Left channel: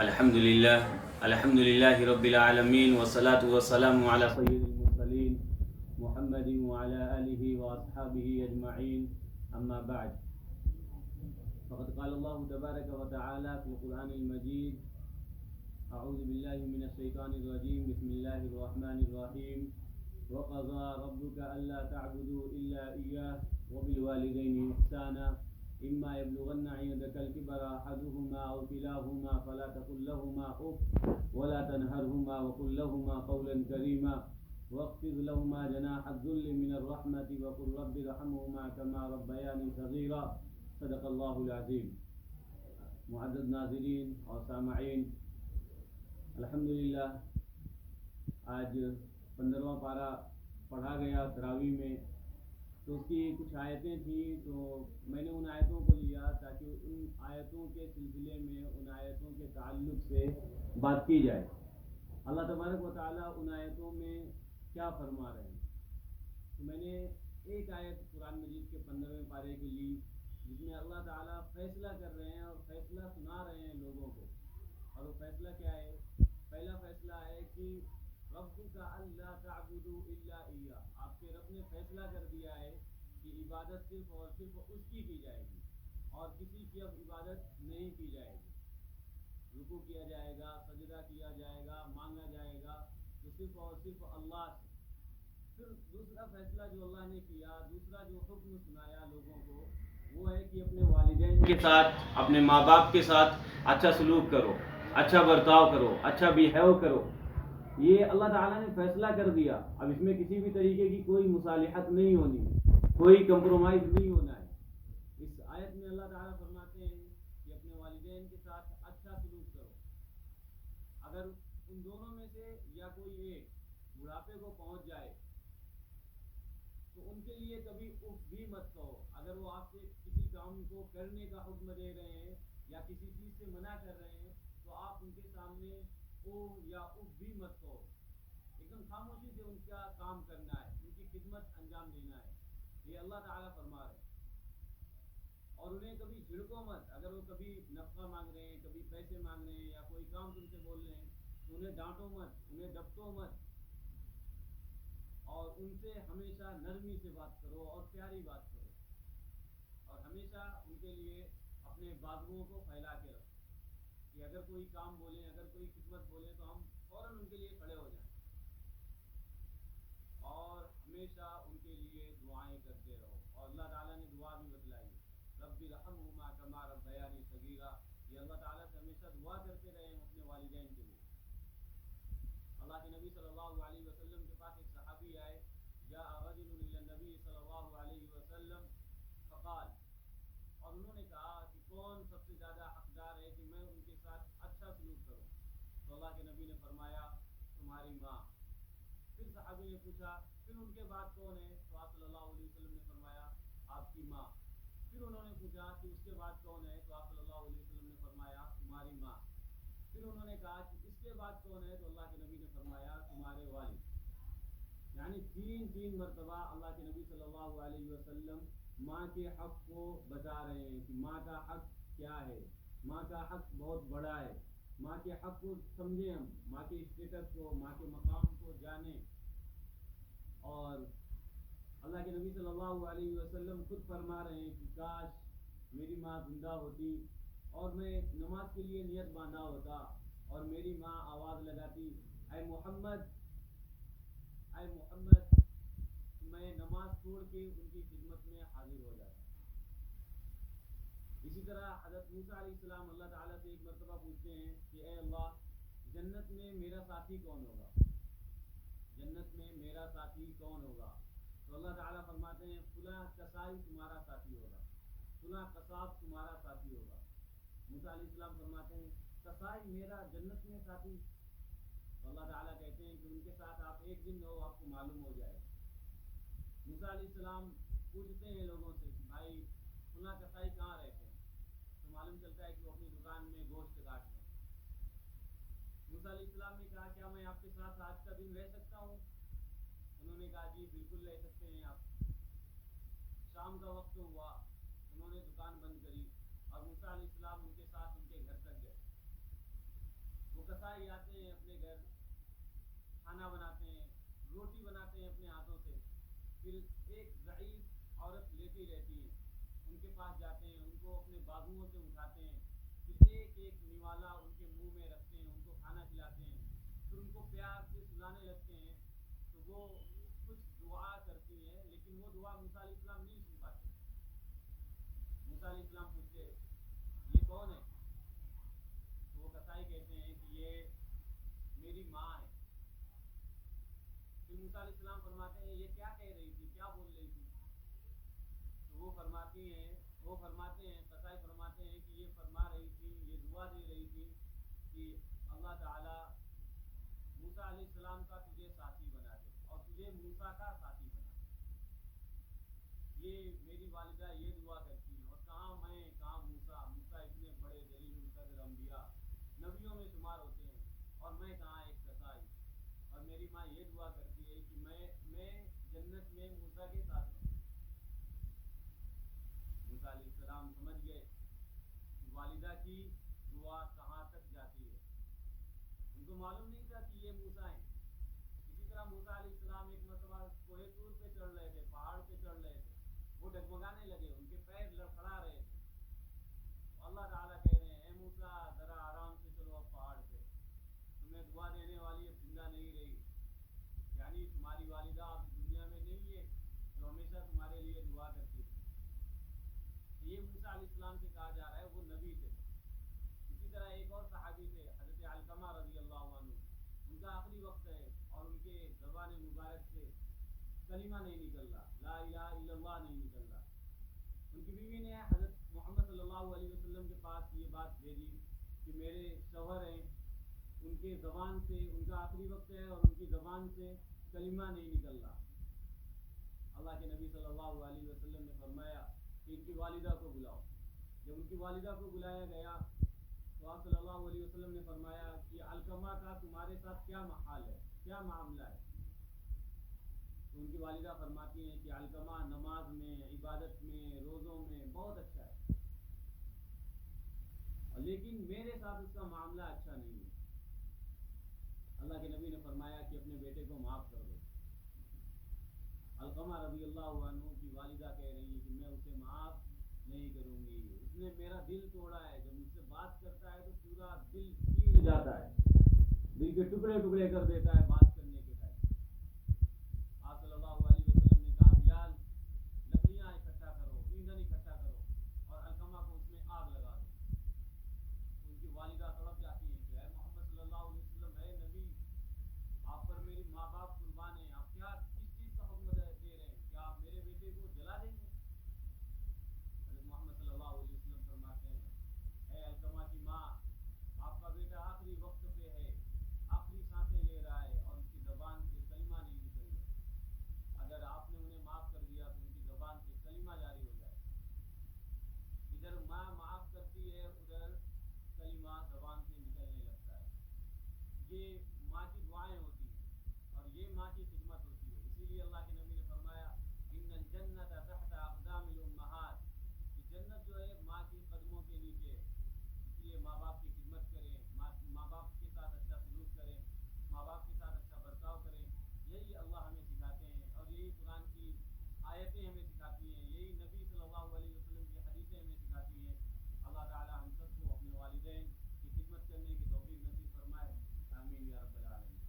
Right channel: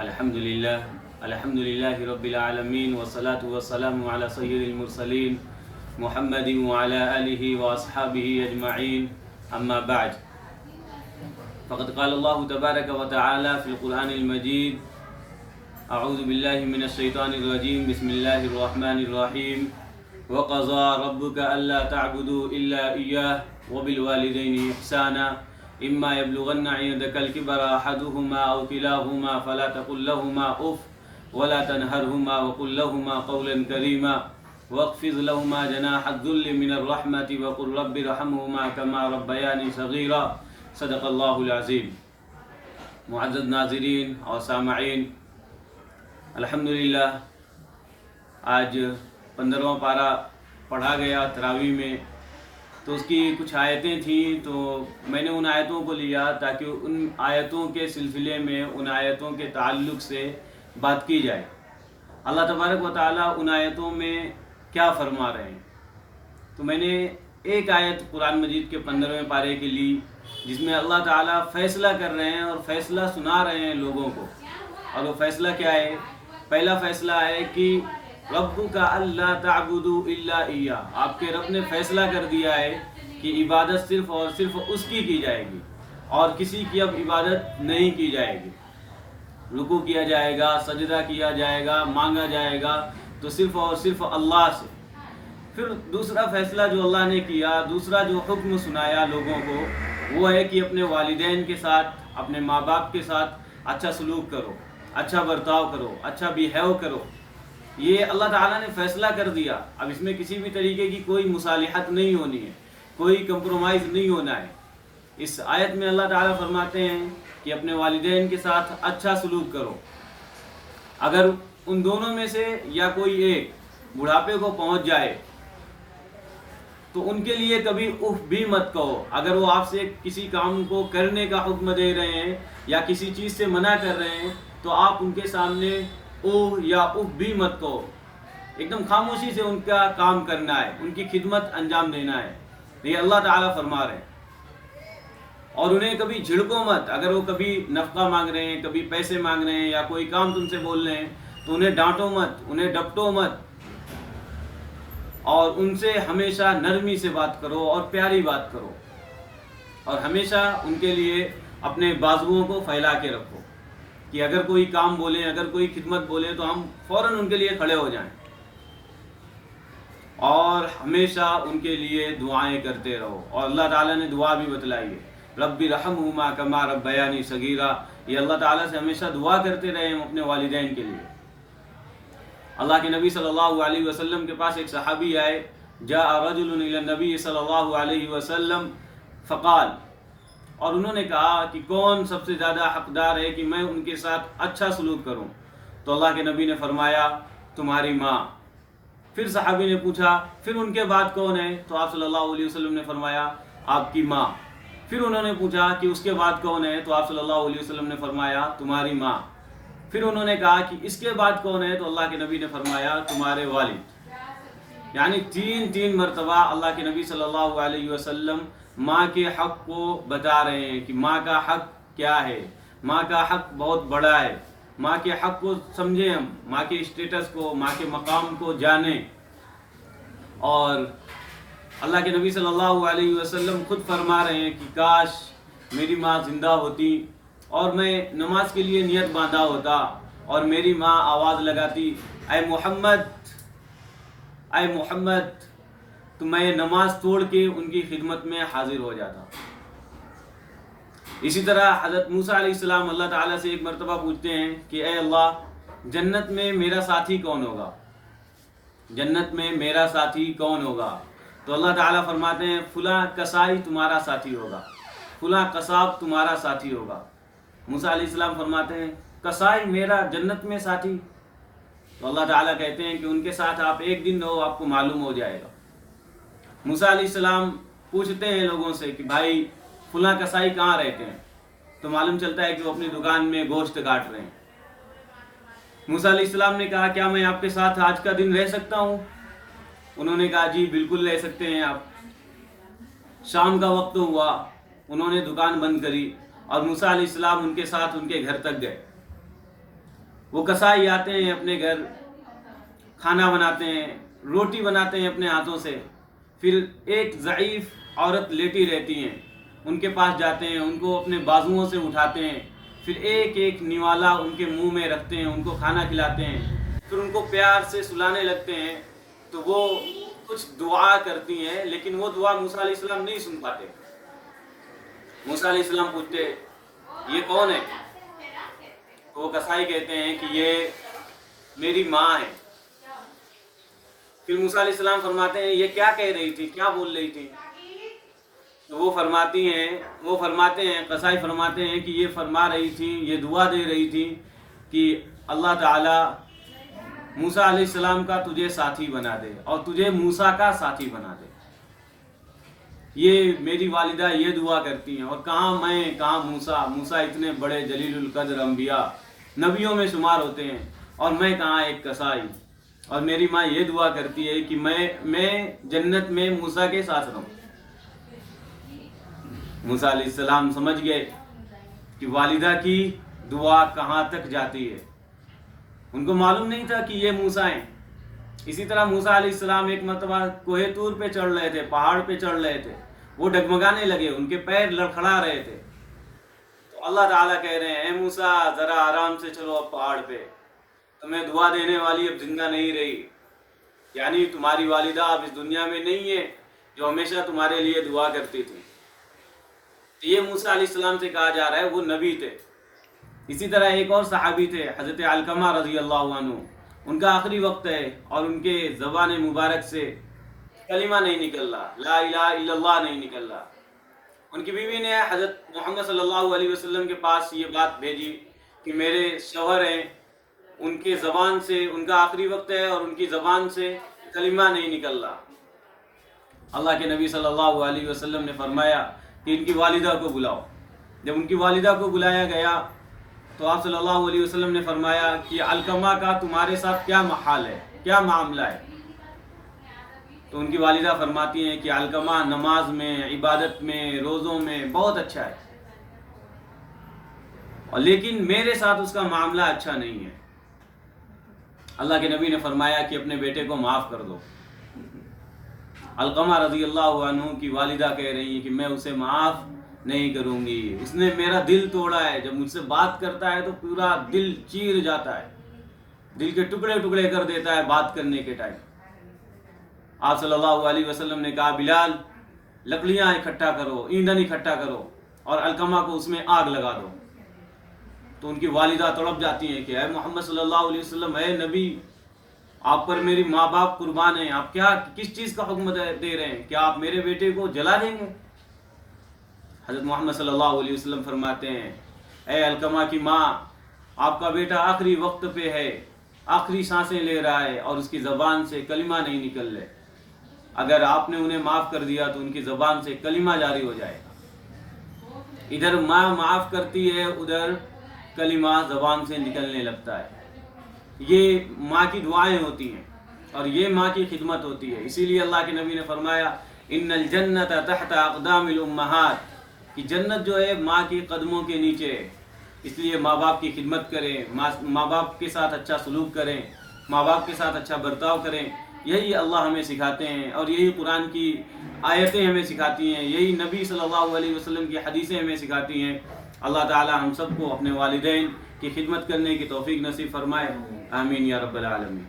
الحمد للہ رب العالمین والصلاة والسلام علی سید المرسلین محمد وعلی آلہ واصحابہ اجمعین اما بعد فقد قال اللہ تبارک وتعالی فی القرآن المجید اعوذ باللہ من الشیطان الرجیم بسم اللہ الرحمن الرحیم وقضى ربك ألا تعبدوا إلا إياه وبالوالدين إحسانا إما يبلغن عندك الكبر أحدهما أو كلاهما فلا تقل لهما أف ولا تنهرهما وقل لهما قولا كريما واخفض لهما جناح الذل من الرحمة وقل رب ارحمهما كما ربياني صغيرا صدق الله العظيم. معزز ناظرین اور سامعین، الحمدللہ آج 15واں پارہ پڑھا گیا تراویح میں، تو اس کی کچھ آیتیں تھیں، تو میں نے ان آیتوں کو لیا تاکہ ان آیتوں کے سلسلے میں، ان آیتوں کے تعلق سے بات کی جائے. اللہ تبارک و تعالیٰ ان آیتوں میں کیا فرما رہے ہیں. تو میں نے ایک آیت قرآن مجید کے 15ویں پارے کی لی، جس میں اللہ تعالیٰ فیصلہ کر رہے ہیں اور فیصلہ سنا رہے ہیں لوگوں کو. اور وہ فیصلہ کیا ہے؟ پہلا فیصلہ ہے کہ ربک اللہ تعبدوا الا ایہ، آپ کے رب نے فیصلہ کر دیا ہے کہ عبادت صرف اور صرف اس کی جائے گی اور کسی کی اب عبادت نہیں کی جائے گی. رکوع کیا جائے گا، سجدہ کیا جائے گا، مانگا جائے گا تو صرف اور صرف اللہ سے. پھر دوسرا فیصلہ جو اللہ نے کیا، دوسرا جو حکم سنایا لوگوں کو، وہ ہے کہ اپنے والدین کے ساتھ، اپنے ماں باپ کے ساتھ اچھا سلوک کرو، اچھا برتاؤ کرو، اچھا بیہیو کرو. یہ اللہ تعالیٰ نے فیصلہ کر دیا. اب اس میں کسی بھی طریقے کی کوئی مصالحت نہیں ہونی ہے، کوئی کمپرومائز نہیں ہونا ہے. اس آیت میں اللہ تعالیٰ فرماتے ہیں کہ اپنے والدین کے ساتھ اچھا سلوک کرو. اگر ان دونوں میں سے یا کوئی ایک بڑھاپے کو پہنچ جائے تو ان کے لیے کبھی اف بھی مت کہو. اگر وہ آپ سے کسی کام کو کرنے کا حکم دے رہے ہیں یا کسی چیز سے منع کر رہے ہیں تو آپ ان کے سامنے اوہ یا اف بھی مت کہو. ایک دم خاموشی سے ان کا کام کرنا ہے، ان کی خدمت انجام دینا ہے. یہ اللہ تعالیٰ فرما رہے ہیں. اور انہیں کبھی جھڑکو مت. اگر وہ کبھی نفقہ مانگ رہے ہیں، کبھی پیسے مانگ رہے ہیں یا کوئی کام تم سے بول رہے ہیں تو انہیں ڈانٹو مت، انہیں ڈپٹو مت. اور ان سے ہمیشہ نرمی سے بات کرو اور پیاری بات کرو. اور ہمیشہ ان کے لیے اپنے بازوؤں کو پھیلا کے رکھو کہ اگر کوئی کام بولیں، اگر کوئی خدمت بولیں تو ہم فوراً ان کے لیے کھڑے ہو جائیں. اور ہمیشہ ان کے لیے دعائیں کرتے رہو. اور اللہ تعالیٰ نے دعا بھی بتلائی ہے، رب ارحمہما کما ربیانی صغیرا. یہ اللہ تعالیٰ سے ہمیشہ دعا کرتے رہے ہم اپنے والدین کے لیے. اللہ کے نبی صلی اللہ علیہ وسلم کے پاس ایک صحابی آئے، جاء رجل الی النبی صلی اللہ علیہ وسلم فقال، اور انہوں نے کہا کہ کون سب سے زیادہ حقدار ہے کہ میں ان کے ساتھ اچھا سلوک کروں؟ تو اللہ کے نبی نے فرمایا تمہاری ماں. پھر صحابی نے پوچھا پھر ان کے بعد کون ہے؟ تو آپ صلی اللہ علیہ وسلم نے فرمایا آپ کی ماں. پھر انہوں نے پوچھا کہ اس کے بعد کون ہے؟ تو آپ صلی اللہ علیہ وسلم نے فرمایا تمہاری ماں. پھر انہوں نے کہا کہ اس کے بعد کون ہے؟ تو اللہ کے نبی نے فرمایا تمہارے والد. یعنی تین مرتبہ اللہ کے نبی صلی اللہ علیہ وسلم ماں کے حق کو بتا رہے ہیں کہ ماں کا حق کیا ہے. ماں کا حق بہت بڑا ہے. ماں کے حق کو سمجھیں، ہم ماں کے اسٹیٹس کو، ماں کے مقام کو جانیں. اور اللہ کے نبی صلی اللہ علیہ وسلم خود فرما رہے ہیں کہ کاش میری ماں زندہ ہوتی اور میں نماز کے لیے نیت باندھا ہوتا اور میری ماں آواز لگاتی اے محمد، اے محمد، تو میں نماز توڑ کے ان کی خدمت میں حاضر ہو جاتا. اسی طرح حضرت موسیٰ علیہ السلام اللہ تعالیٰ سے ایک مرتبہ پوچھتے ہیں کہ اے اللہ، جنت میں میرا ساتھی کون ہوگا؟ جنت میں میرا ساتھی کون ہوگا؟ تو اللہ تعالیٰ فرماتے ہیں فلاں کسائی تمہارا ساتھی ہوگا، فلاں قصاب تمہارا ساتھی ہوگا. موسیٰ علیہ السلام فرماتے ہیں کسائی میرا جنت میں ساتھی؟ تو اللہ تعالیٰ کہتے ہیں کہ ان کے ساتھ آپ ایک دن رہو، آپ کو معلوم ہو جائے گا. موسیٰ علیہ السلام پوچھتے ہیں لوگوں سے کہ بھائی فلاں کسائی کہاں رہتے ہیں؟ تو معلوم چلتا ہے کہ وہ اپنی دکان میں گوشت کاٹ رہے ہیں. موسیٰ علیہ السلام نے کہا کیا میں آپ کے ساتھ آج کا دن رہ سکتا ہوں؟ انہوں نے کہا جی بالکل رہ سکتے ہیں آپ. شام کا وقت ہوا، انہوں نے دکان بند کری اور موسیٰ علیہ السلام ان کے ساتھ ان کے گھر تک گئے. وہ کسائی آتے ہیں اپنے گھر، کھانا بناتے ہیں، روٹی بناتے ہیں اپنے ہاتھوں سے، پھر ایک ضعیف عورت لیٹی رہتی ہیں، ان کے پاس جاتے ہیں، ان کو اپنے بازوؤں سے اٹھاتے ہیں، پھر ایک ایک نوالا ان کے منہ میں رکھتے ہیں، ان کو کھانا کھلاتے ہیں، پھر ان کو پیار سے سلانے لگتے ہیں، تو وہ کچھ دعا کرتی ہیں، لیکن وہ دعا موسیٰ علیہ السلام نہیں سن پاتے۔ موسیٰ علیہ السلام پوچھتے یہ کون ہے؟ تو وہ کسائی کہتے ہیں کہ یہ میری ماں ہے۔ پھر موسیٰ علیہ السلام فرماتے ہیں یہ کیا کہہ رہی تھی، کیا بول رہی تھی؟ تو وہ فرماتے ہیں قصائی فرماتے ہیں کہ یہ فرما رہی تھی، یہ دعا دے رہی تھی کہ اللہ تعالی موسیٰ علیہ السلام کا تجھے ساتھی بنا دے اور تجھے موسیٰ کا ساتھی بنا دے۔ یہ میری والدہ یہ دعا کرتی ہیں، اور کہاں میں کہاں موسیٰ اتنے بڑے جلیل القدر انبیاء نبیوں میں شمار ہوتے ہیں، اور میں کہاں ایک کسائی، اور میری ماں یہ دعا کرتی ہے کہ میں جنت میں موسیٰ کے ساتھ رہوں۔ موسیٰ علیہ السلام سمجھ گئے کہ والدہ کی دعا کہاں تک جاتی ہے، ان کو معلوم نہیں تھا کہ یہ موسیٰ ہیں۔ اسی طرح موسیٰ علیہ السلام ایک مرتبہ کوہ طور پہ چڑھ رہے تھے، پہاڑ پہ چڑھ رہے تھے، وہ ڈگمگانے لگے، ان کے پیر لڑکھڑا رہے تھے، تو اللہ تعالیٰ کہہ رہے ہیں اے موسیٰ ذرا آرام سے چلو اب پہاڑ پہ، تمہیں دعا دینے والی اب زندہ نہیں رہی، یعنی تمہاری والدہ اب اس دنیا میں نہیں ہے جو ہمیشہ تمہارے لیے دعا کرتی تھی۔ تو یہ موسیٰ علیہ السلام سے کہا جا رہا ہے وہ نبی تھے۔ اسی طرح ایک اور صحابی تھے حضرت علقمہ رضی اللہ عنہ، ان کا آخری وقت ہے اور ان کے زبان مبارک سے کلمہ نہیں نکل رہا، لا الہ الا اللہ نہیں نکل رہا۔ ان کی بیوی نے حضرت محمد صلی اللہ علیہ وسلم کے پاس یہ بات بھیجی کہ میرے شوہر ہیں، ان کے زبان سے، ان کا آخری وقت ہے اور ان کی زبان سے کلمہ نہیں نکل رہا۔ اللہ کے نبی صلی اللہ علیہ وسلم نے فرمایا کہ ان کی والدہ کو بلاؤ۔ جب ان کی والدہ کو بلایا گیا تو آپ صلی اللہ علیہ وسلم نے فرمایا کہ علقمہ کا تمہارے ساتھ کیا حال ہے، کیا معاملہ ہے؟ تو ان کی والدہ فرماتی ہیں کہ علقمہ نماز میں، عبادت میں، روزوں میں بہت اچھا ہے، اور لیکن میرے ساتھ اس کا معاملہ اچھا نہیں ہے۔ اللہ کے نبی نے فرمایا کہ اپنے بیٹے کو معاف کر دو۔ علقمہ رضی اللہ عنہ کی والدہ کہہ رہی ہیں کہ میں اسے معاف نہیں کروں گی، اس نے میرا دل توڑا ہے، جب مجھ سے بات کرتا ہے تو پورا دل چیر جاتا ہے، دل کے ٹکڑے ٹکڑے کر دیتا ہے بات کرنے کے ٹائم۔ آپ صلی اللہ علیہ وسلم نے کہا بلال لکڑیاں اکٹھا کرو، ایندھن اکٹھا کرو اور علقمہ کو اس میں آگ لگا دو۔ تو ان کی والدہ تڑپ جاتی ہیں کہ اے محمد صلی اللہ علیہ وسلم، اے نبی، آپ پر میری ماں باپ قربان ہیں، آپ کس چیز کا حکم دے رہے ہیں؟ کیا آپ میرے بیٹے کو جلا دیں گے؟ حضرت محمد صلی اللہ علیہ وسلم فرماتے ہیں اے علقمہ کی ماں، آپ کا بیٹا آخری وقت پہ ہے، آخری سانسیں لے رہا ہے اور اس کی زبان سے کلمہ نہیں نکل رہے، اگر آپ نے انہیں معاف کر دیا تو ان کی زبان سے کلمہ جاری ہو جائے گا۔ ادھر ماں معاف کرتی ہے، ادھر کلمہ زبان سے نکلنے لگتا ہے۔ یہ ماں کی دعائیں ہوتی ہیں اور یہ ماں کی خدمت ہوتی ہے۔ اسی لیے اللہ کے نبی نے فرمایا ان الجنت تحت اقدام الامہات، کہ جنت جو ہے ماں کے قدموں کے نیچے ہے۔ اس لیے ماں باپ کی خدمت کریں، ماں باپ کے ساتھ اچھا سلوک کریں، ماں باپ کے ساتھ اچھا برتاؤ کریں، یہی اللہ ہمیں سکھاتے ہیں، اور یہی قرآن کی آیتیں ہمیں سکھاتی ہیں، یہی نبی صلی اللہ علیہ وسلم کی حدیثیں ہمیں سکھاتی ہیں۔ اللہ تعالی ہم سب کو اپنے والدین کی خدمت کرنے کی توفیق نصیب فرمائے، آمین یا رب العالمین۔